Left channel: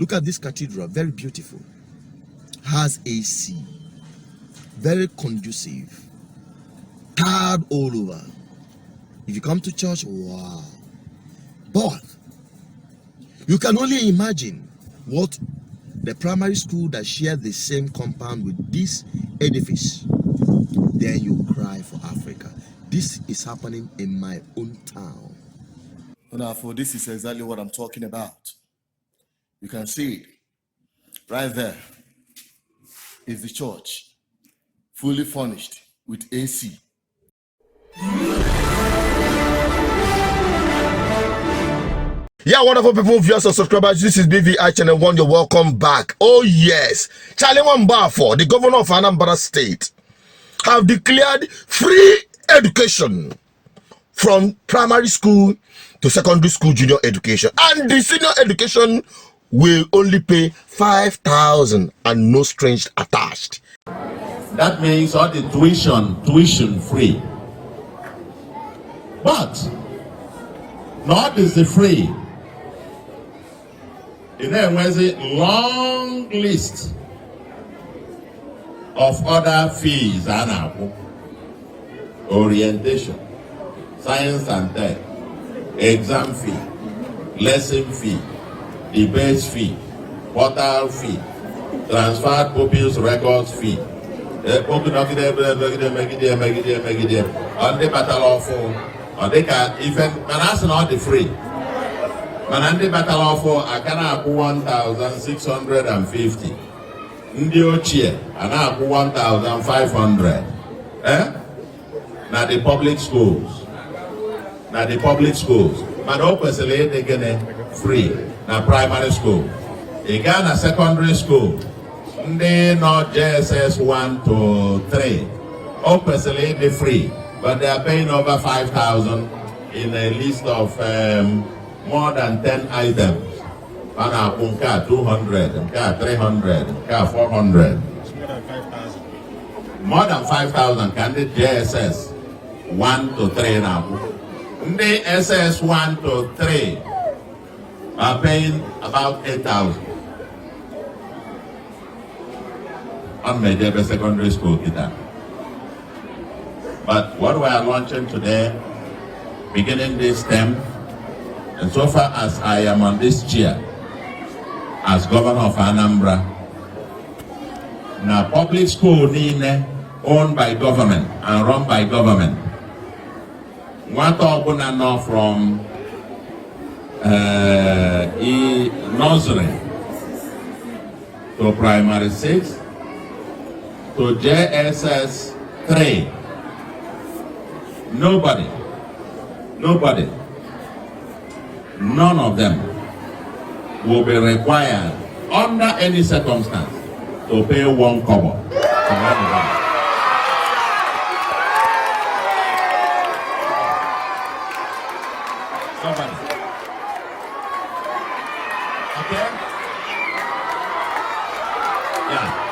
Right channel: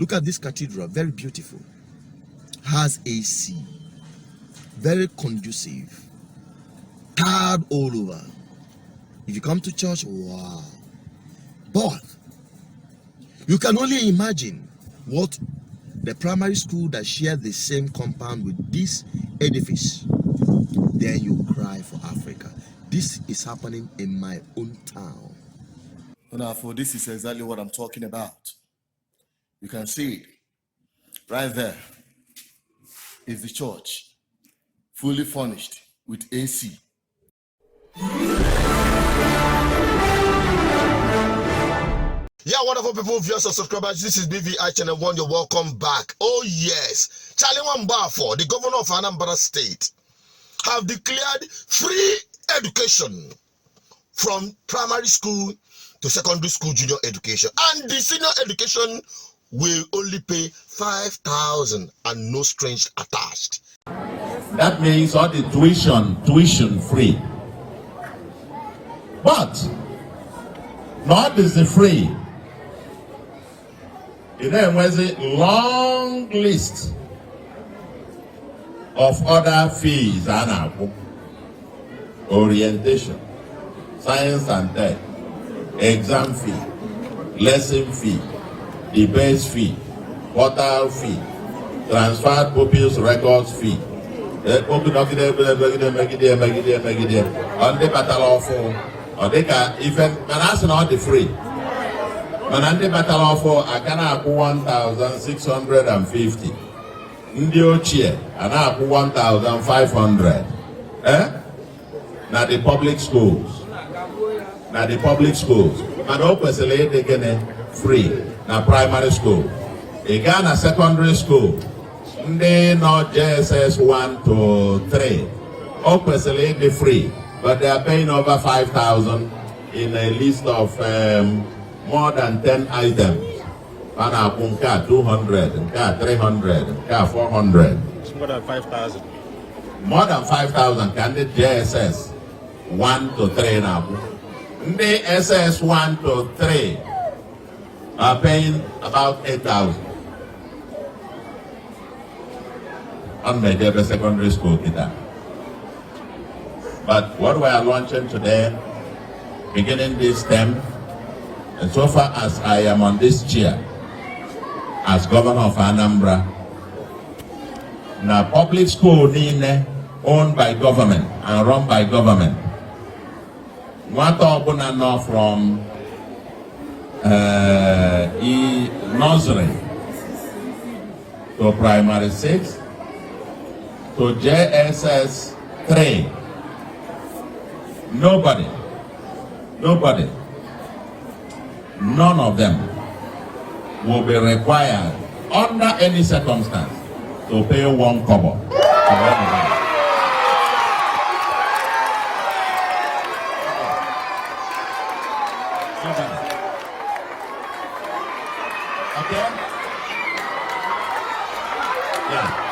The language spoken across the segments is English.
Look at this cathedral, very beautiful. Has AC, very conducive, tiled all over. If you come to church, wow. But you can only imagine what the primary school that shared the same compound with this edifice. Then you cry for Africa. This is happening in my own town. Now, for this is exactly what I'm talking about. You can see it right there. Is the church fully furnished with AC. Yeah, wonderful people, viewers and subscribers. This is BVI Channel 1. You're welcome back. Oh yes, Charlie Wambafo, the governor of Anambra State, have declared free education from primary school to secondary school junior education, and the senior education will only pay 5,000 and no strings attached. That means all the tuition free. But not is the free. There was a long list of other fees and orientation, science and tech, exam fee, lesson fee, debate fee, portal fee, transferred pupils records fee. And the battle of or they can even that's not the free. Manandi battle of I can have 1,650. Ndio cheer and I have 1,500. Now the public schools. Now the public schools. And obviously they get free. Now primary school. They got a secondary school. They not JSS 1 to 3. Obviously they free. But they are paying over 5,000 in a list of more than 10 items. And 200, 300, 400. More than 5,000. More than 5,000 can the JSS 1 to 3 now. The SS 1 to 3 are paying about 8,000. On major secondary school guitar. But what we are launching today, beginning this term, and so far as I am on this chair, as governor of Anambra, now public school owned by government and run by government. What are now from nursery to primary 6 to JSS 3. Nobody, none of them will be required under any circumstance to pay 1 kobo. Nobody. Okay? Yeah.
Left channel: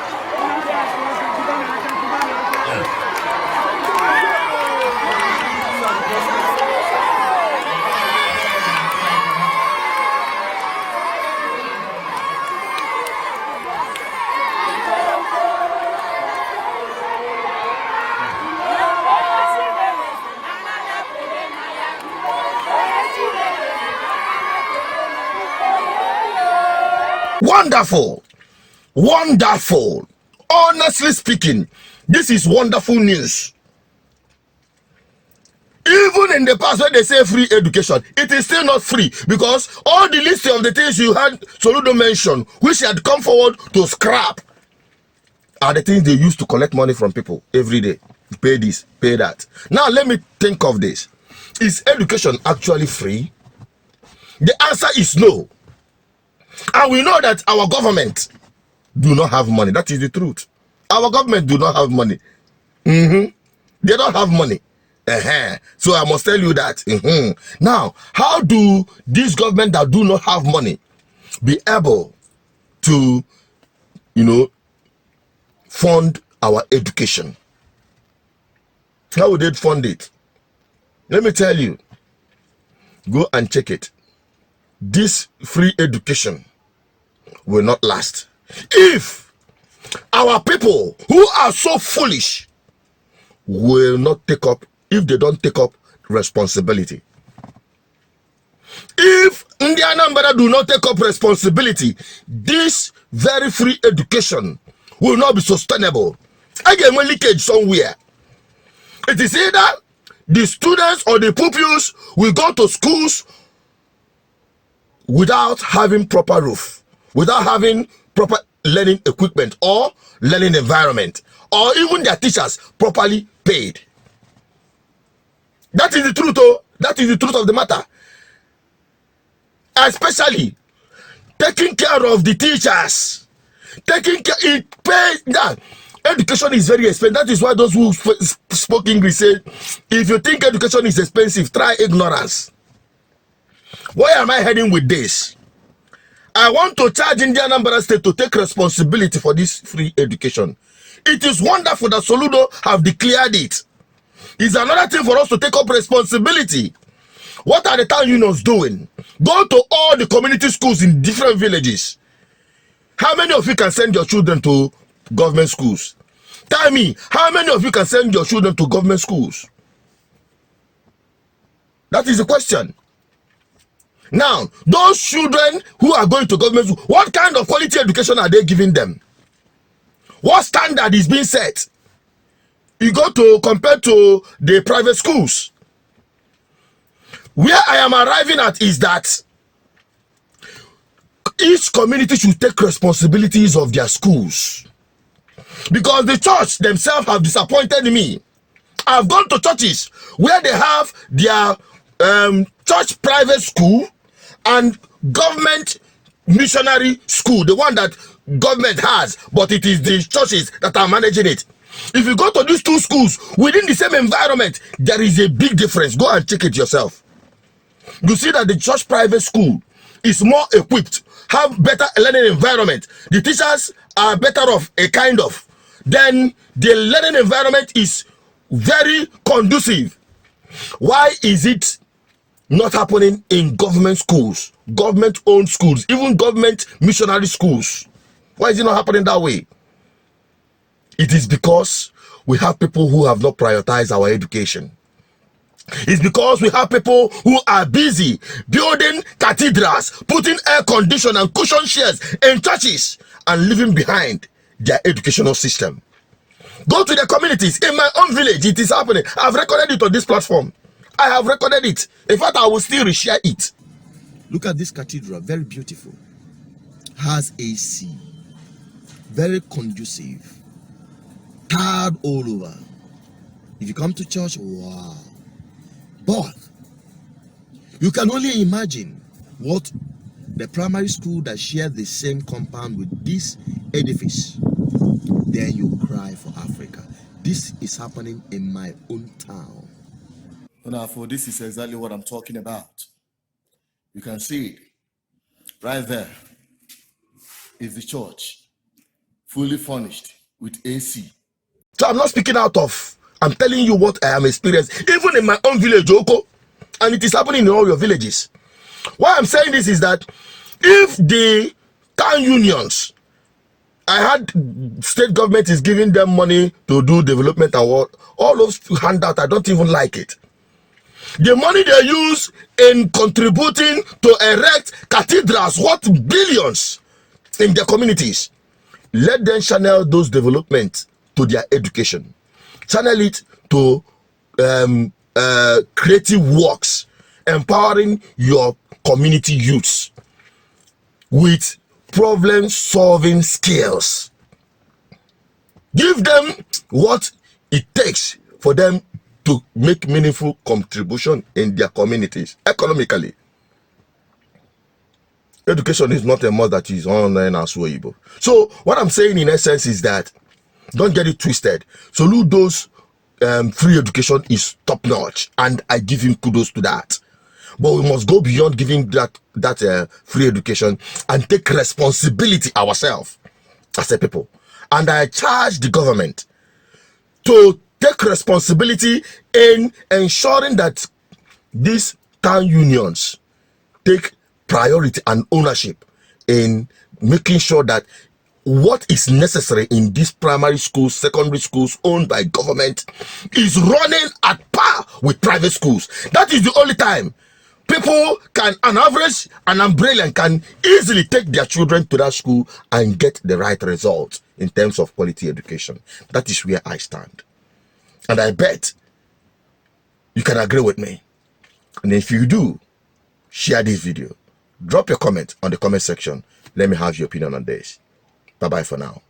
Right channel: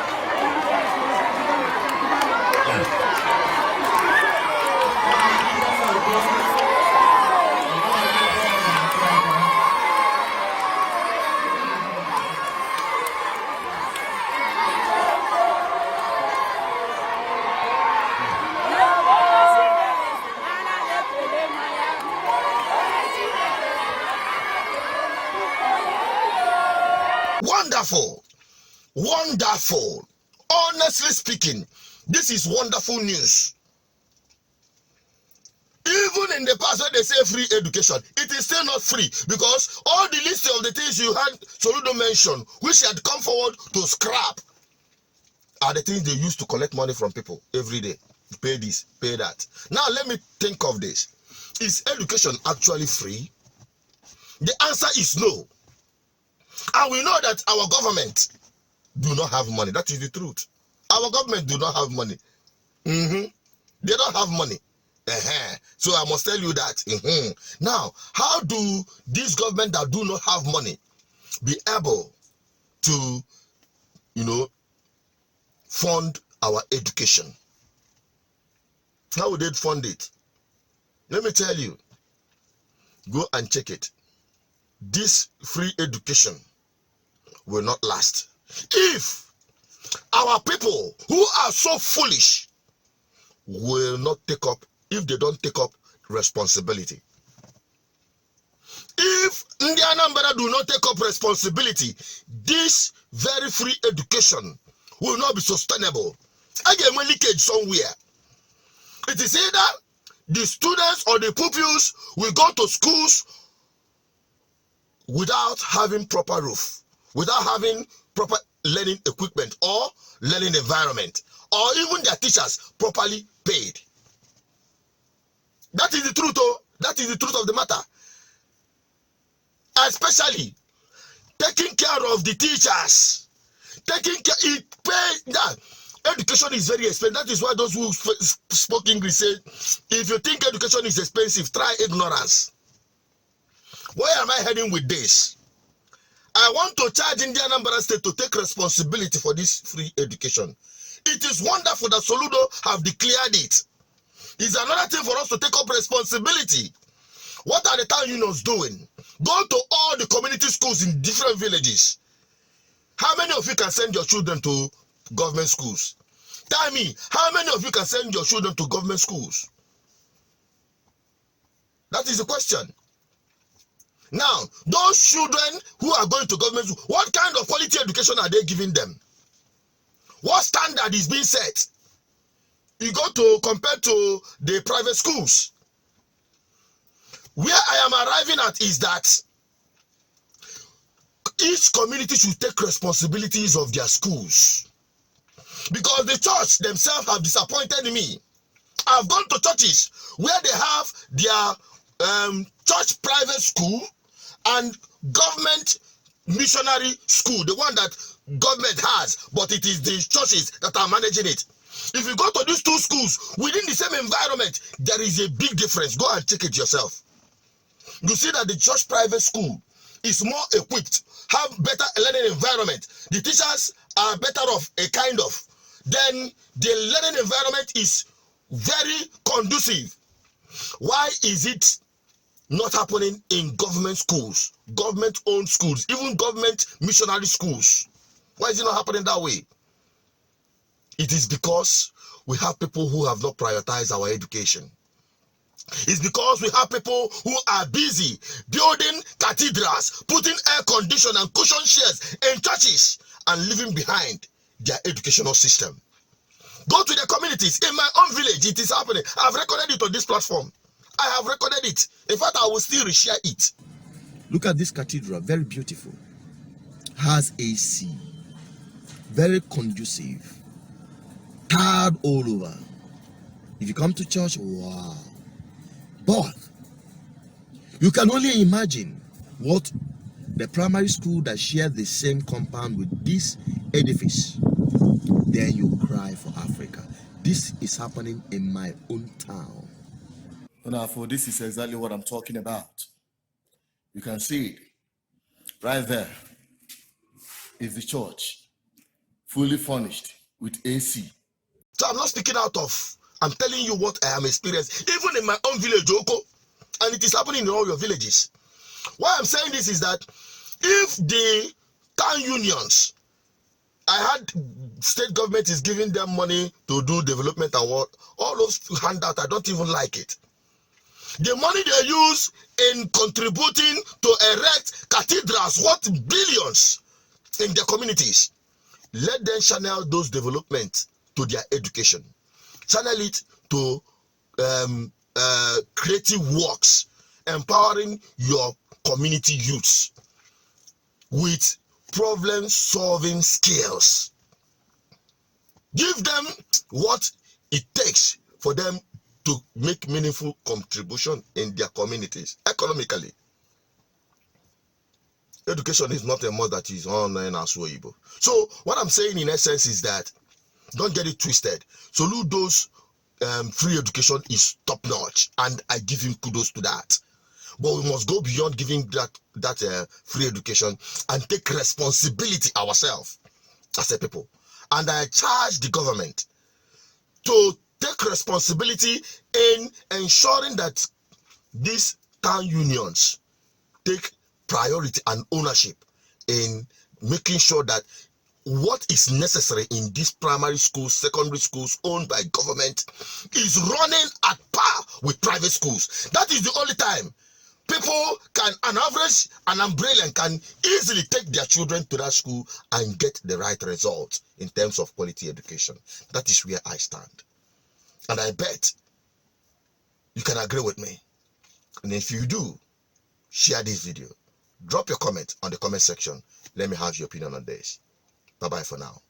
Wonderful, wonderful. Honestly speaking, this is wonderful news. Even in the past when they say free education, it is still not free, because all the list of the things you had Soludo mention, which had come forward to scrap, are the things they use to collect money from people every day. Pay this, pay that. Now let me think of this. Is education actually free? The answer is no. And we know that our government do not have money. That is the truth. Our government do not have money. They don't have money. So I must tell you that. Now, how do this government that do not have money be able to, fund our education? How would they fund it? Let me tell you. Go and check it. This free education will not last. If our people who are so foolish will not take up, if they don't take up responsibility. If Indiana do not take up responsibility, this very free education will not be sustainable. Again, when leakage somewhere, it is either the students or the pupils will go to schools without having proper roof, without having proper learning equipment or learning environment, or even their teachers properly paid. That is the truth, oh. That is the truth of the matter. Especially taking care of the teachers, taking care, it pays that. Education is very expensive. That is why those who spoke English said, if you think education is expensive, try ignorance. Where am I heading with this? I want to charge Indiana State to take responsibility for this free education. It is wonderful that Soludo have declared it. It's another thing for us to take up responsibility. What are the town unions doing? Go to all the community schools in different villages. How many of you can send your children to government schools? Tell me, how many of you can send your children to government schools? That is the question. Now, those children who are going to government schools, what kind of quality education are they giving them? What standard is being set? You go to compare to the private schools. Where I am arriving at is that each community should take responsibilities of their schools. Because the church themselves have disappointed me. I've gone to churches where they have their church private school and government missionary school, the one that government has, but it is the churches that are managing it. If you go to these two schools within the same environment, there is a big difference. Go and check it yourself. You see that the church private school is more equipped, have better learning environment. The teachers are better off, a kind of. Then the learning environment is very conducive. Why is it not happening in government schools, government-owned schools, even government missionary schools? Why is it not happening that way? It is because we have people who have not prioritized our education. It's because we have people who are busy building cathedrals, putting air condition and cushion chairs in churches, and leaving behind their educational system. Go to the communities. In my own village, it is happening. I've recorded it on this platform. I have recorded it. In fact, I will still reshare it. Look at this cathedral, very beautiful. Has AC, very conducive, tiled all over. If you come to church, wow. But you can only imagine what the primary school that shared the same compound with this edifice. Then you cry for Africa. This is happening in my own town. Now, for this is exactly what I'm talking about. You can see it right there. Is the church fully furnished with AC. So I'm not speaking out of, I'm telling you what I am experiencing, even in my own village, Oko, and it is happening in all your villages. Why I'm saying this is that if the town unions, I had state government is giving them money to do development and what, all those handouts, I don't even like it. The money they use in contributing to erect cathedrals worth billions in their communities, let them channel those developments to their education. Channel it to creative works, empowering your community youths with problem-solving skills. Give them what it takes for them to make meaningful contribution in their communities economically. Education is not a must that is online as well. So what I'm saying in essence is that don't get it twisted. Soludo's free education is top notch, and I give him kudos to that. But we must go beyond giving that free education and take responsibility ourselves as a people. And I charge the government to take responsibility in ensuring that these town unions take priority and ownership in making sure that what is necessary in these primary schools, secondary schools owned by government is running at par with private schools. That is the only time people can, an average, an umbrella can easily take their children to that school and get the right results in terms of quality education. That is where I stand. And I bet you can agree with me. And if you do, share this video. Drop your comment on the comment section. Let me have your opinion on this. Bye-bye for now.